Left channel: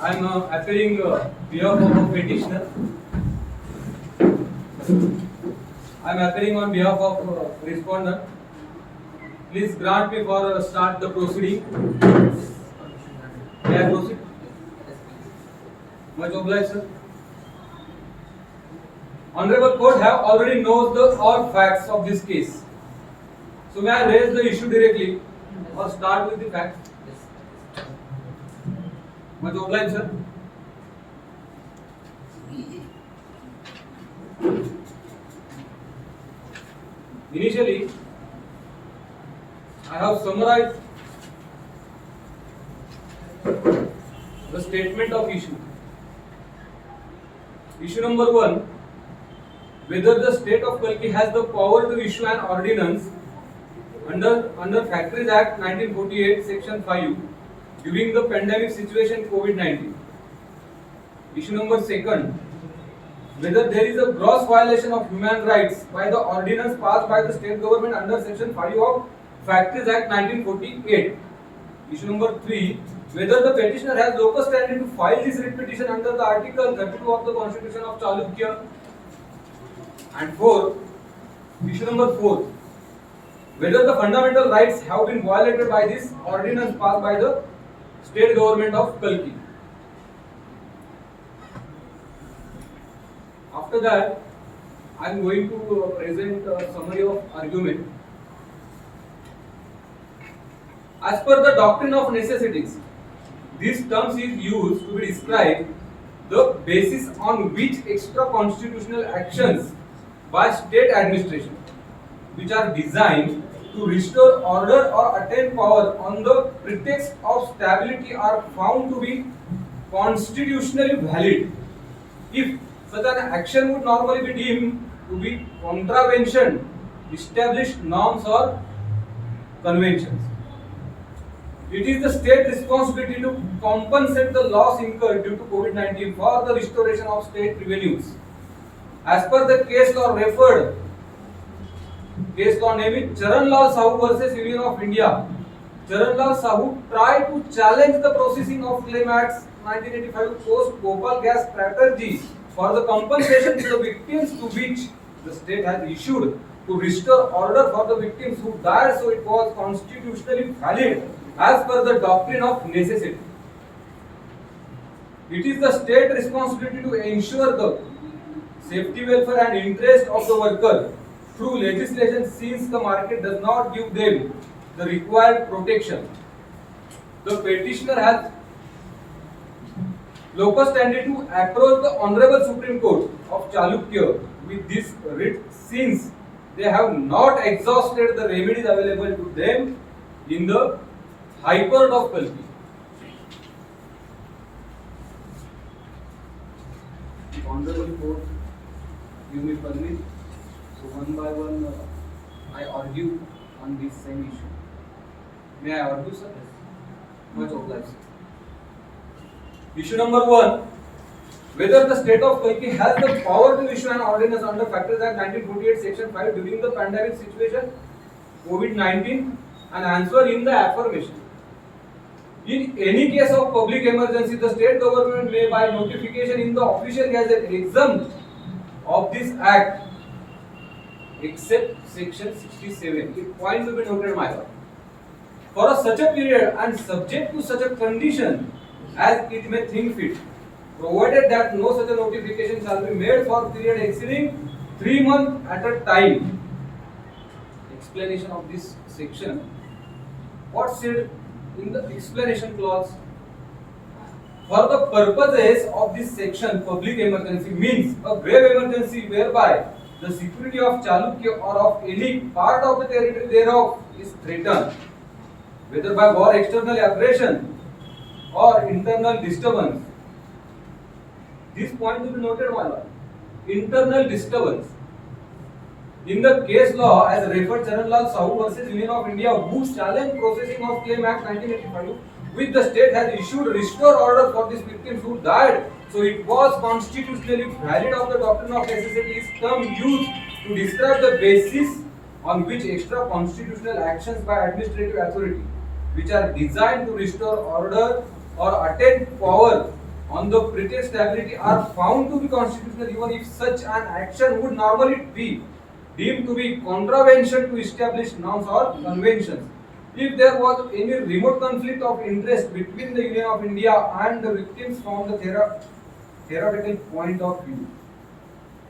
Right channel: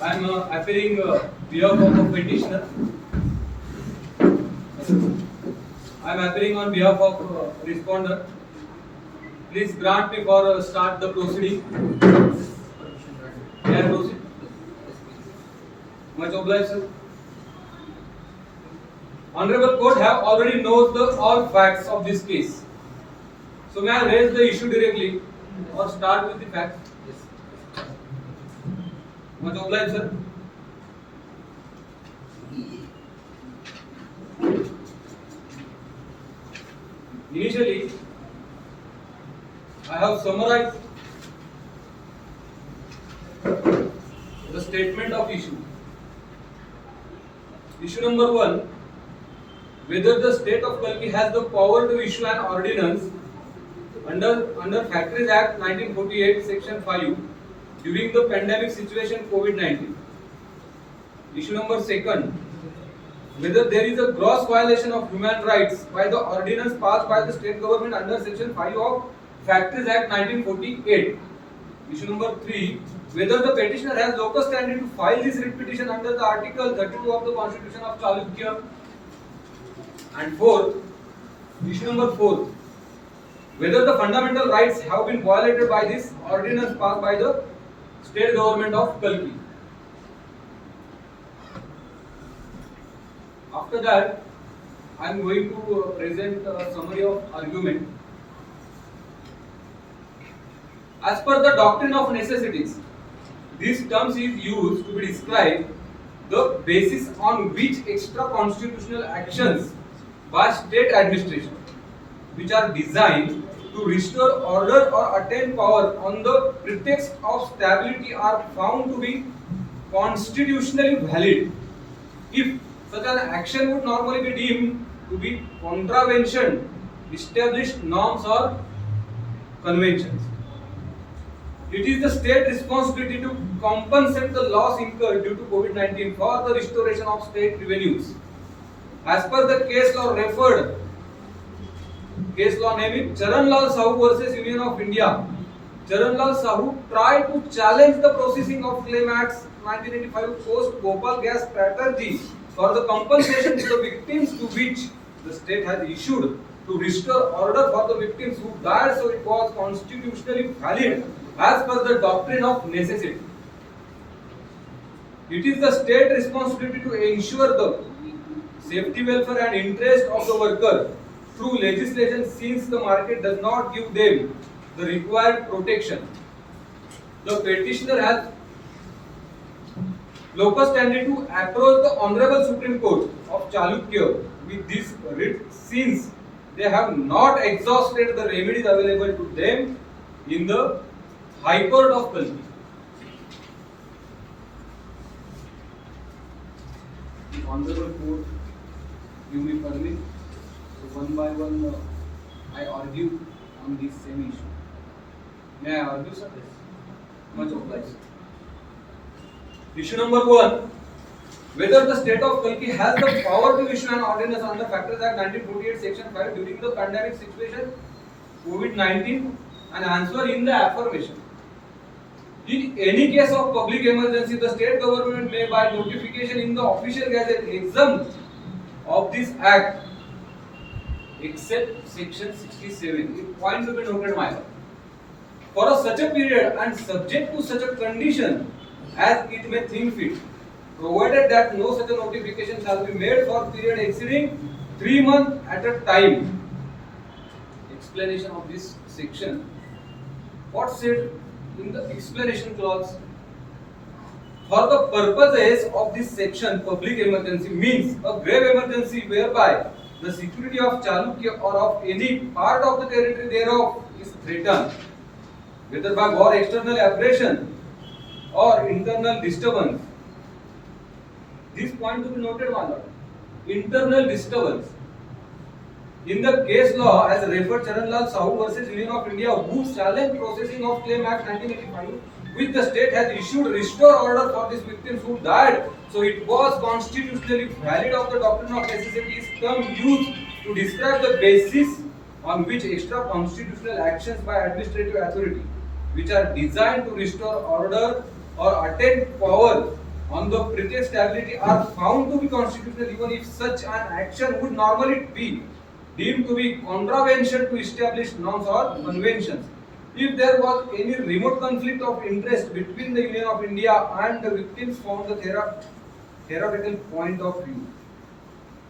I am appearing behalf of a petitioner. I am appearing on behalf of respondent. Please grant me for start the proceeding. May I proceed? Much obliged, sir. Honorable Court have already knows the all facts of this case. So may I raise the issue directly or start with the facts? Much obliged, sir. Initially, I have summarized the statement of issue. Issue number 1, whether the state of Kalki has the power to issue an ordinance under Factories Act 1948 section 5 during the pandemic situation COVID-19. Issue number 2, whether there is a gross violation of human rights by the ordinance passed by the state government under section 5 of Factories Act 1948. Issue number 3, whether the petitioner has locus standing to file this writ petition under the Article 32 of the Constitution of Chalukya. And 4, issue number 4, whether the fundamental rights have been violated by this ordinance passed by the state government of Kalki. After that, I am going to present a summary of argument. As per the doctrine of necessities, this term is used to describe the basis on which extra constitutional actions by state administration, which are designed to restore order or attain power on the pretext of stability, are found to be constitutionally valid if such an action would normally be deemed to be contravention established norms or conventions. It is the state responsibility to compensate the loss incurred due to COVID-19 for the restoration of state revenues. As per the case law referred, case law naming Charan Lal Sahu versus Union of India, Charan Lal Sahu tried to challenge the processing of Claim Acts 1985 post Bhopal gas strategy for the compensation to the victims, to which the state has issued to restore order for the victims who died, so it was constitutionally valid as per the doctrine of necessity. It is the state responsibility to ensure the safety, welfare and interest of the worker through legislation, since the market does not give them the required protection. The petitioner has locus standi to approach the Honorable Supreme Court of Chalukya with this writ, since they have not exhausted the remedies available to them in the High Court of Kalki. The Honorable Court, you may permit, so one by one I argue on this same issue. May I argue, sir? Much obliged. Issue number 1, whether the state of Kalki has the power to issue an ordinance under Factories Act 1948 section 5 during the pandemic situation COVID-19, and answer in the affirmation. In any case of public emergency, the state government may by notification in the official gazette exempt of this act except section 67. It point to be noted, my lord. For such a period and subject to such a condition as it may think fit, provided that no such a notification shall be made for period exceeding 3 months at a time. Explanation of this section. What said in the explanation clause? For the purposes of this section, public emergency means a grave emergency whereby the security of Chalukya or of any part of the territory thereof is threatened, whether by war, external aggression or internal disturbance. This point to be noted, my lord. Internal disturbance. In the case law, as referred Charan Lal Sahu versus Union of India, whose challenge processing of Claim Act 1985, which the state has issued restore order for these victims who died, so it was constitutionally valid of the doctrine of necessity, is term used to describe the basis on which extra constitutional actions by administrative authority, which are designed to restore order or attain power on the pretext stability are found to be constitutional even if such an action would normally be deemed to be contravention to established norms or conventions. If there was any remote conflict of interest between the Union of India and the victims from the theoretical point of view,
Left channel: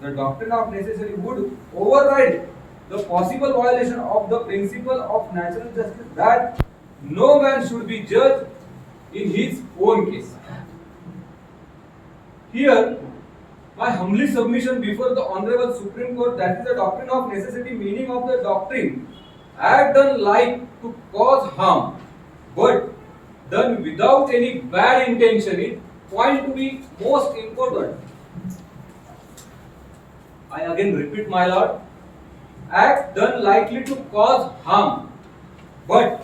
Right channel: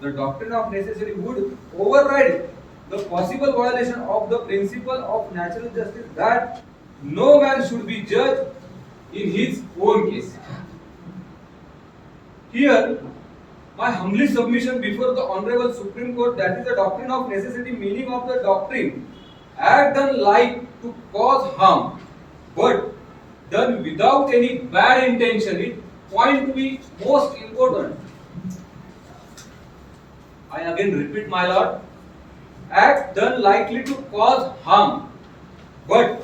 the doctrine of necessity would override the possible violation of the principle of natural justice that no man should be judged in his own case. Here, my humbly submission before the Honorable Supreme Court, that is the doctrine of necessity, meaning of the doctrine, act done like to cause harm, but done without any bad intention, it point to be most important. I again repeat, my lord, act done likely to cause harm, but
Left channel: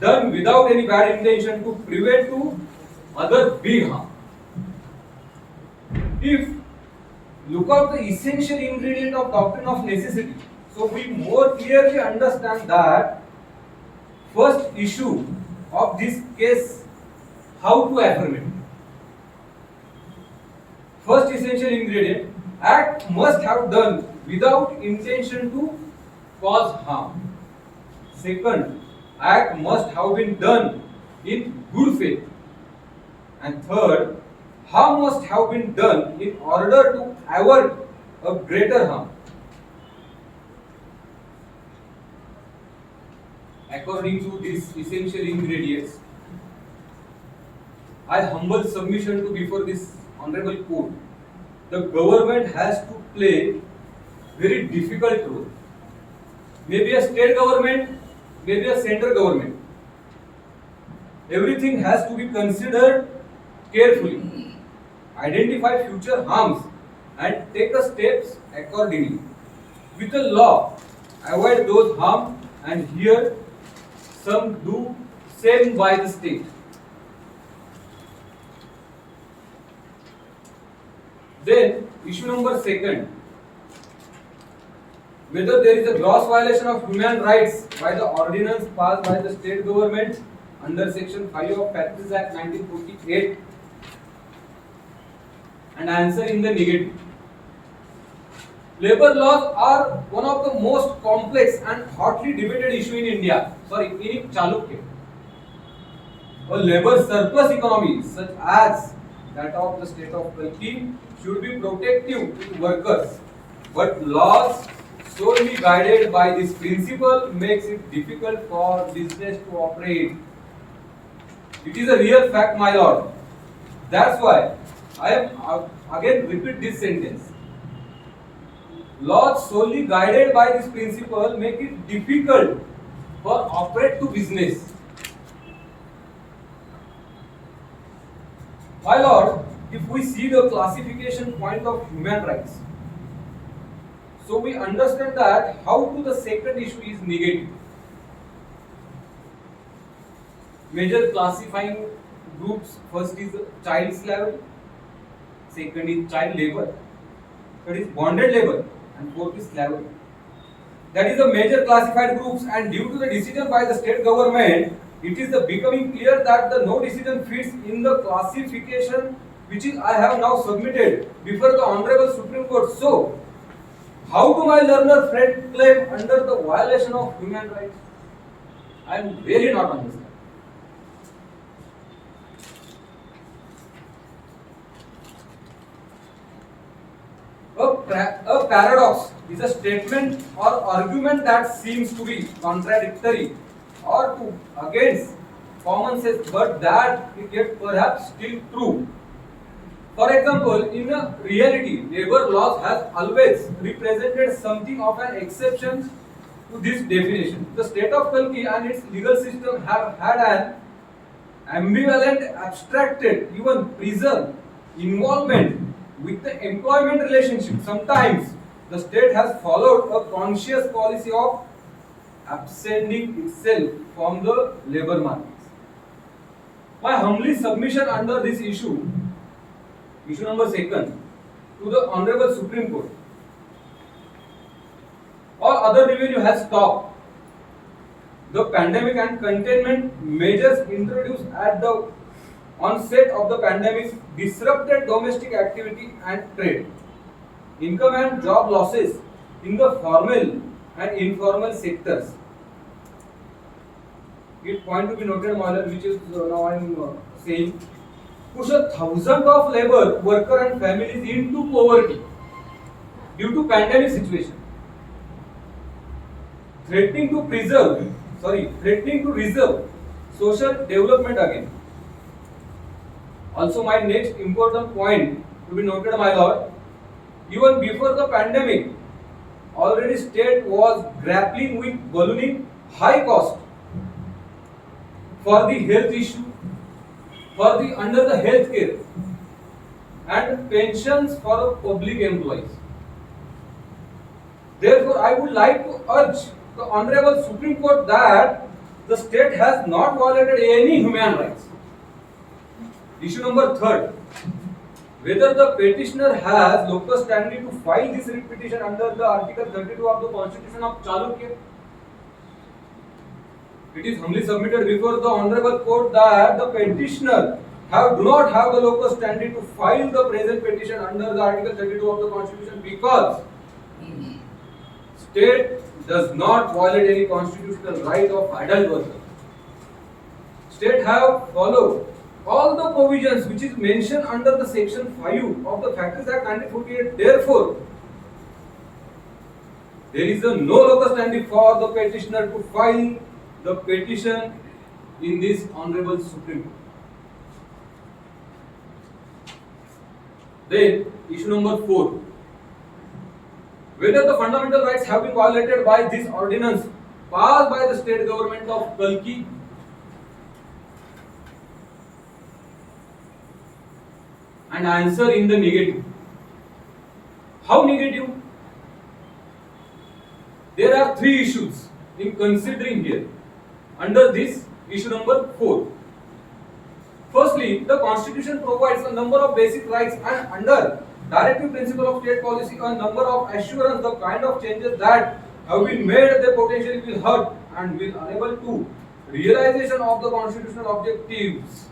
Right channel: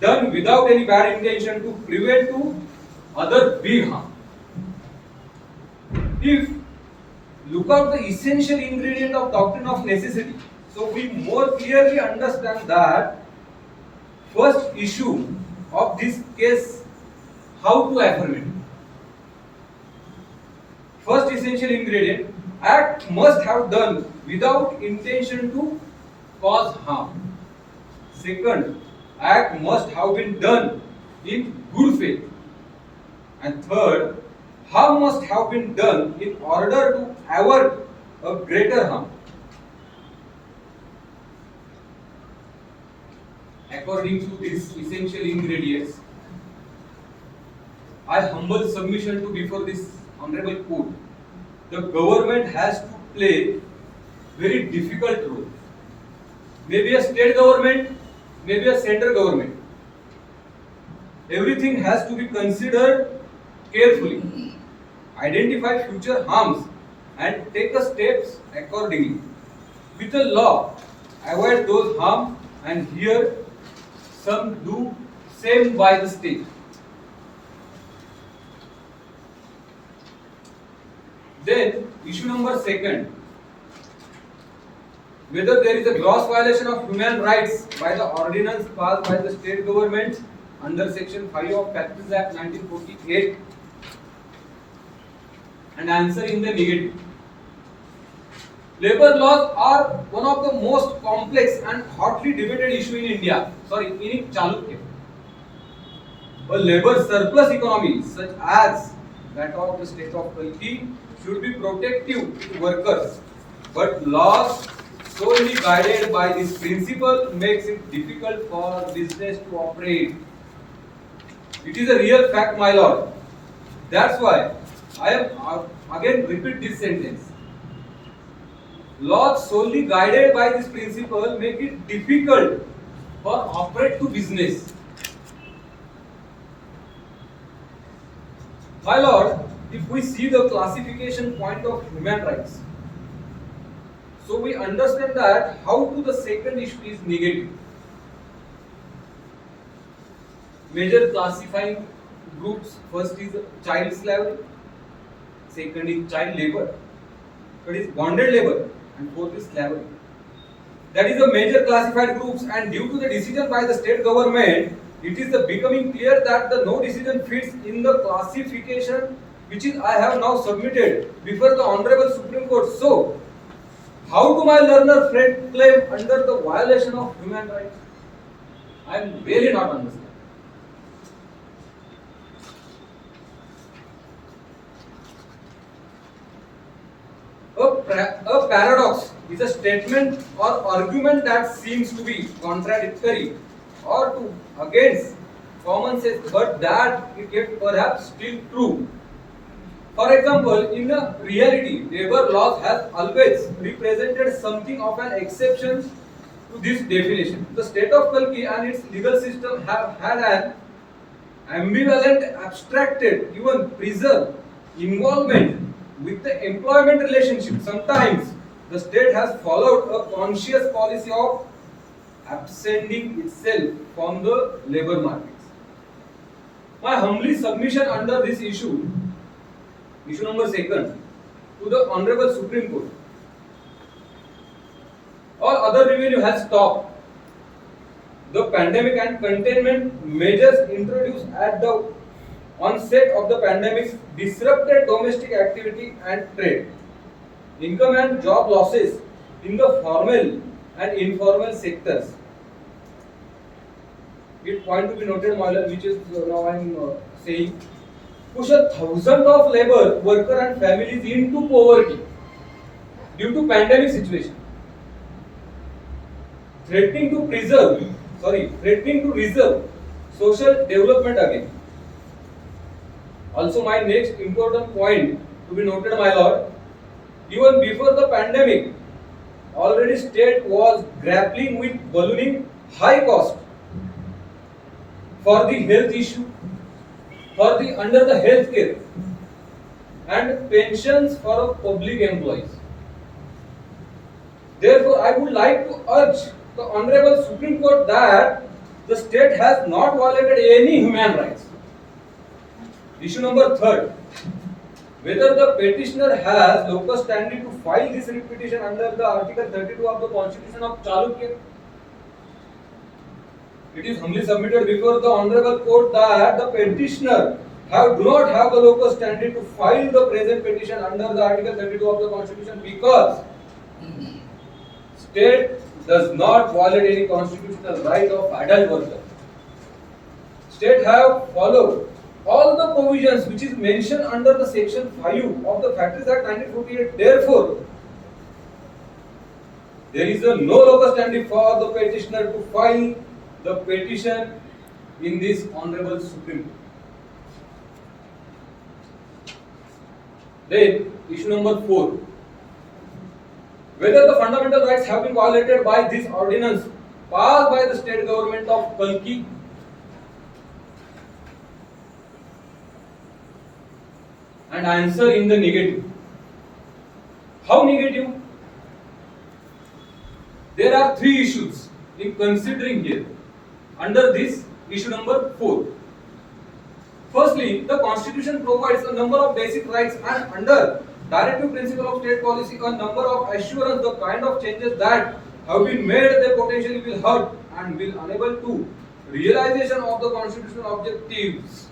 done without any bad intention to prevent to other big harm. If look out the essential ingredient of doctrine of necessity, so we more clearly understand that first issue of this case, how to affirm it. First essential ingredient, act must have done without intention to cause harm. Second, act must have been done in good faith. And third, harm must have been done in order to avert a greater harm. According to these essential ingredients, I humble submission to before this honorable court. The government has to play very difficult role. Maybe a state government, maybe a central government. Everything has to be considered carefully. Identify future harms and take a steps accordingly. With the law, avoid those harm, and here some do same by the state. Then issue number second, whether there is a gross violation of human rights by the ordinance passed by the state government under section 5 of Factories Act 1948, and answer in the negative. Labor laws are one of the most complex and hotly debated issue in India. In Chalukya. A labor surplus economy such as that of the state of Kalki should be protective to workers, but laws solely guided by this principle makes it difficult for business to operate. It is a real fact, my lord. That's why I am again repeat this sentence. Laws solely guided by this principle make it difficult for operate to business. My lord, if we see the classification point of human rights, so we understand that how to the second issue is negative. Major classifying groups, first is child slavery, second is child labor, third is bonded labor, and fourth is slavery. That is the major classified groups, and due to the decision by the state government, it is becoming clear that the no decision fits in the classification which is I have now submitted before the Honorable Supreme Court. So, how do my learner friend claim under the violation of human rights? I am really not understanding. A paradox is a statement or argument that seems to be contradictory or to against common sense, but that it yet perhaps still true. For example, in reality, labor laws has always represented something of an exception to this definition. The state of Kalki and its legal system have had an ambivalent, abstracted, even preserved involvement with the employment relationship. Sometimes the state has followed a conscious policy of absenting itself from the labor markets. My humbly submission under this issue number second, to the Honorable Supreme Court. All other revenue has stopped. The pandemic and containment measures introduced at the onset of the pandemic disrupted domestic activity and trade. Income and job losses in the formal and informal sectors. It point to be noted, which is now I am saying, push a thousand of labor, worker and families into poverty due to pandemic situation. Threatening to reserve social development again. Also, my next important point to be noted, my lord, even before the pandemic, already state was grappling with ballooning high cost for the health issue, for the under the health care and pensions for public employees. Therefore, I would like to urge the Honorable Supreme Court that the state has not violated any human rights. Issue number 3. Whether the petitioner has locus standi to file this writ petition under the Article 32 of the Constitution of Chalukya. It is humbly submitted before the Honorable Court that the petitioner do not have the locus standi to file the present petition under the Article 32 of the Constitution because state does not violate any constitutional right of adult worker. State have followed all the provisions which is mentioned under the section 5 of the Factories Act 1948. Therefore, there is no locus standi for the petitioner to file the petition in this Honorable Supreme Court. Then, issue number 4. Whether the fundamental rights have been violated by this ordinance passed by the state government of Kalki. And answer in the negative. How negative? There are 3 issues in considering here under this issue number 4. Firstly, the Constitution provides a number of basic rights and under directive principle of state policy a number of assurance the kind of changes that have been made they potentially will hurt and will unable to realization of the constitutional objectives.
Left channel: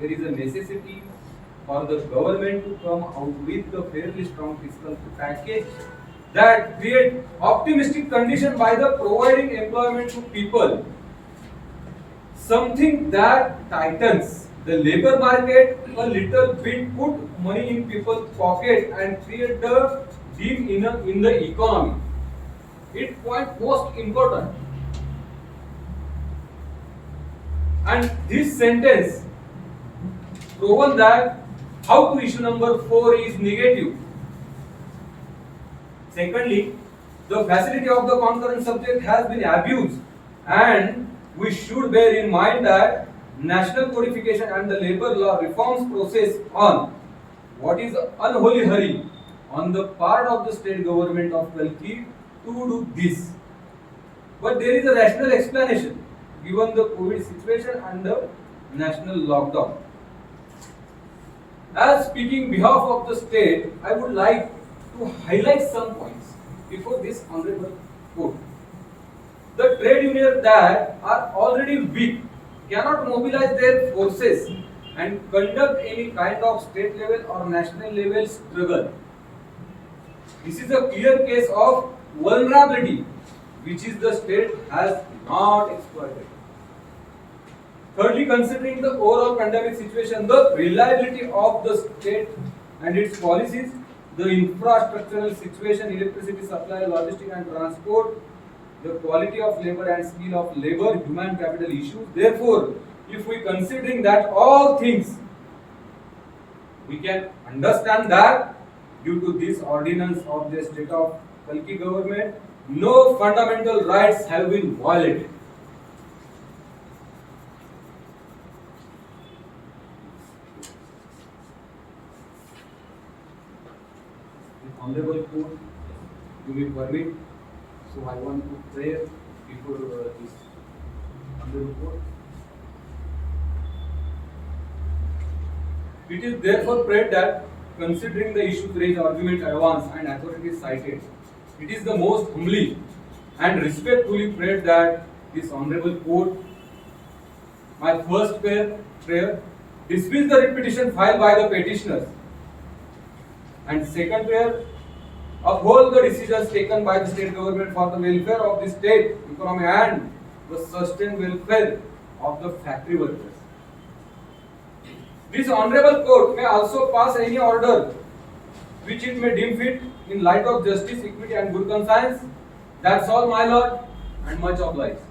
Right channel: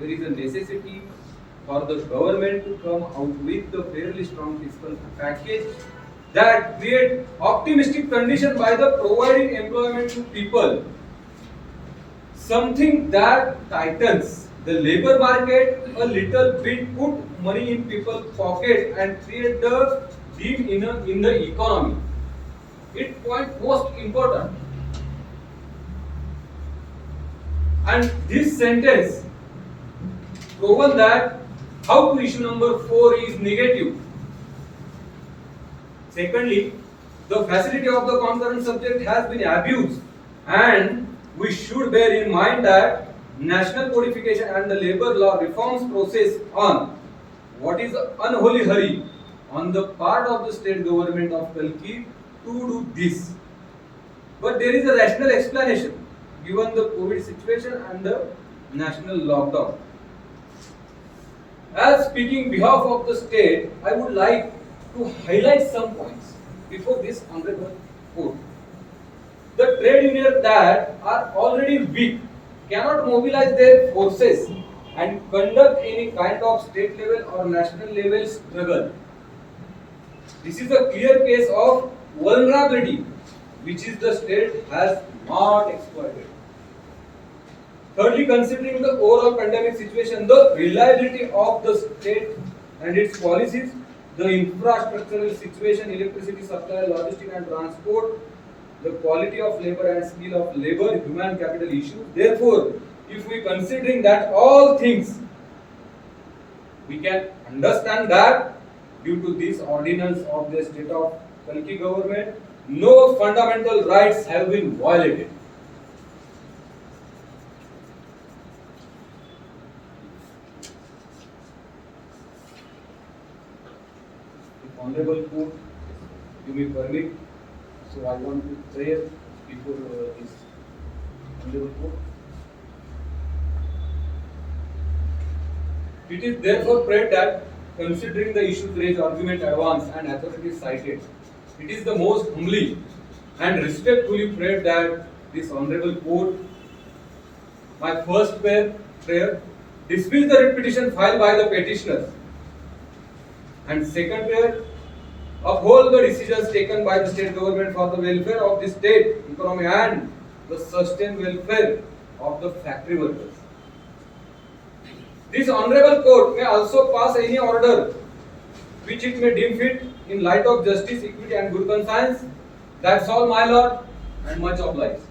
There is a necessity for the government to come out with a fairly strong fiscal package that create optimistic condition by the providing employment to people, something that tightens the labor market a little bit, put money in people's pocket and create the deep in the economy. It point most important. And this sentence proven that how to issue number 4 is negative. Secondly, the facility of the concurrent subject has been abused and we should bear in mind that national codification and the labor law reforms process on what is unholy hurry on the part of the state government of Kalki to do this. But there is a rational explanation given the COVID situation and the national lockdown. As speaking behalf of the state, I would like to highlight some points before this honorable court. The trade unions that are already weak cannot mobilize their forces and conduct any kind of state level or national level struggle. This is a clear case of vulnerability which is the state has not exploited. Thirdly, considering the overall pandemic situation, the reliability of the state and its policies, the infrastructural situation, electricity supply, logistics and transport, the quality of labor and skill of labor, human capital issues. Therefore, if we considering that all things, we can understand that due to this ordinance of the state of Kalki government, no fundamental rights have been violated. Honorable Court, you may permit. So I want to pray before this Honorable Court. It is therefore prayed that, considering the issues raised, argument advanced, and authorities cited, it is the most humbly and respectfully prayed that this Honorable Court, my first prayer dismiss the writ petition filed by the petitioners. And second prayer, uphold the decisions taken by the state government for the welfare of the state economy and the sustained welfare of the factory workers. This honorable court may also pass any order which it may deem fit in light of justice, equity and good conscience. That's all, my lord, and much obliged.